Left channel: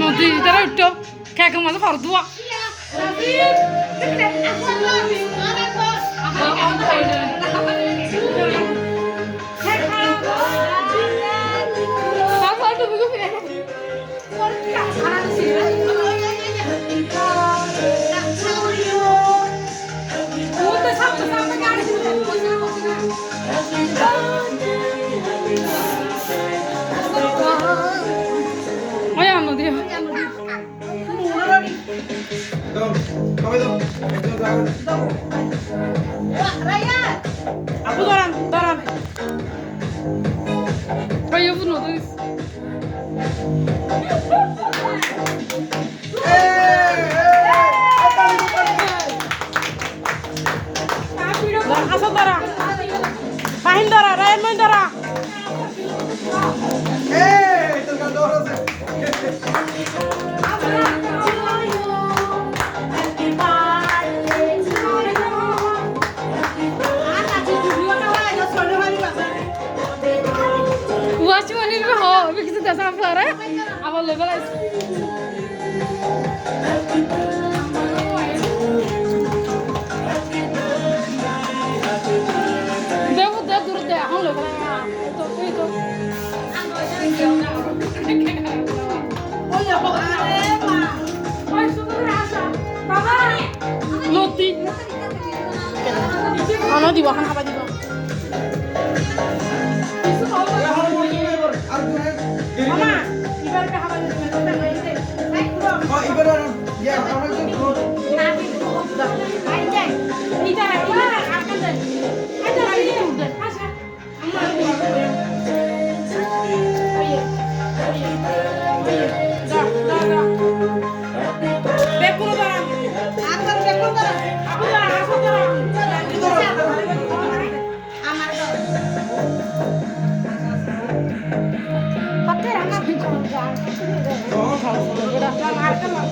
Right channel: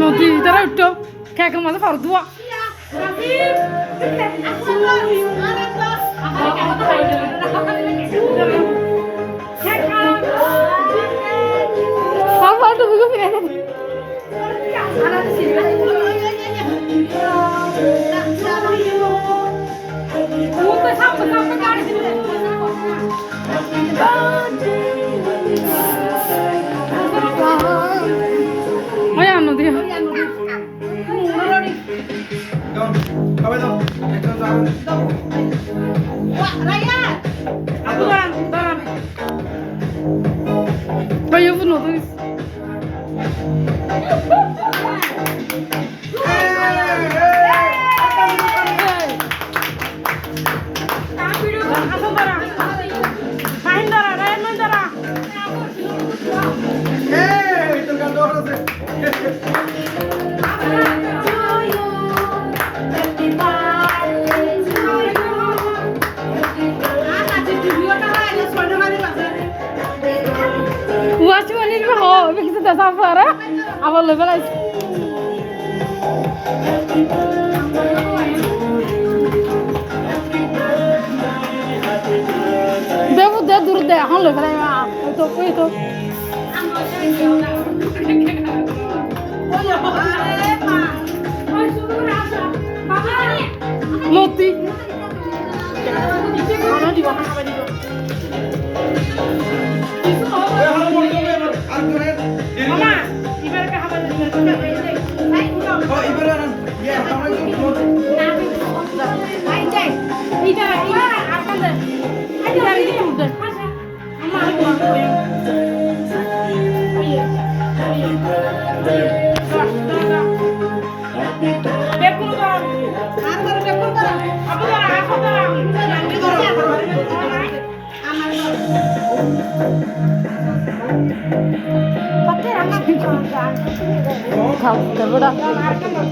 নদী তারা উঠতো খেয়ে মাঝে ফর দুয়া Vaya bunu da. Watch one in the hall because that's how far. I will live like. They would do the hall of Loti.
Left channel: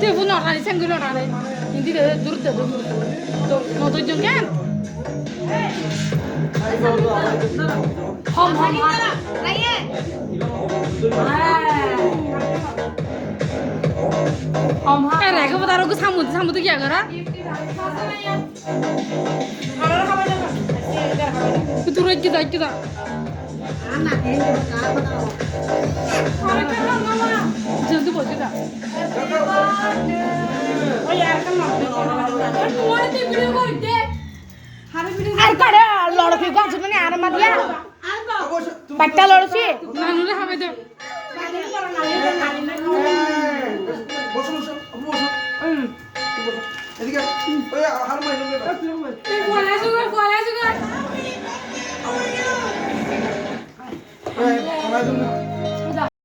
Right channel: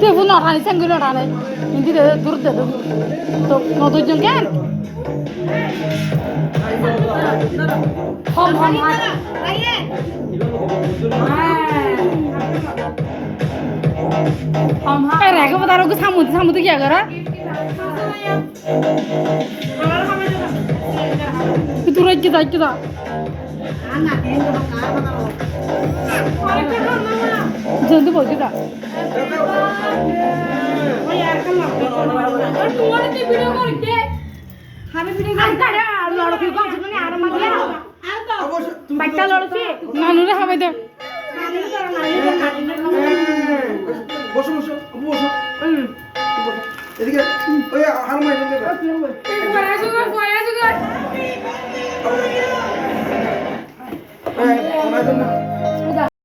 Dia pun orang ini sengguh orang ini. Ini dia dur dah tu. Kau tu jengken. Hom. Eh, reka bata rogu samu tu kya kara? Itu kita. जल्दी बोल दे का यार कम तुम्हारे ते video को दे हमें video कर लड़की को मैंने आराम किया बट्टा लड़की नानू रे हमें दे বসো এদিকে ওই হার মাই দে কোয়া সুগার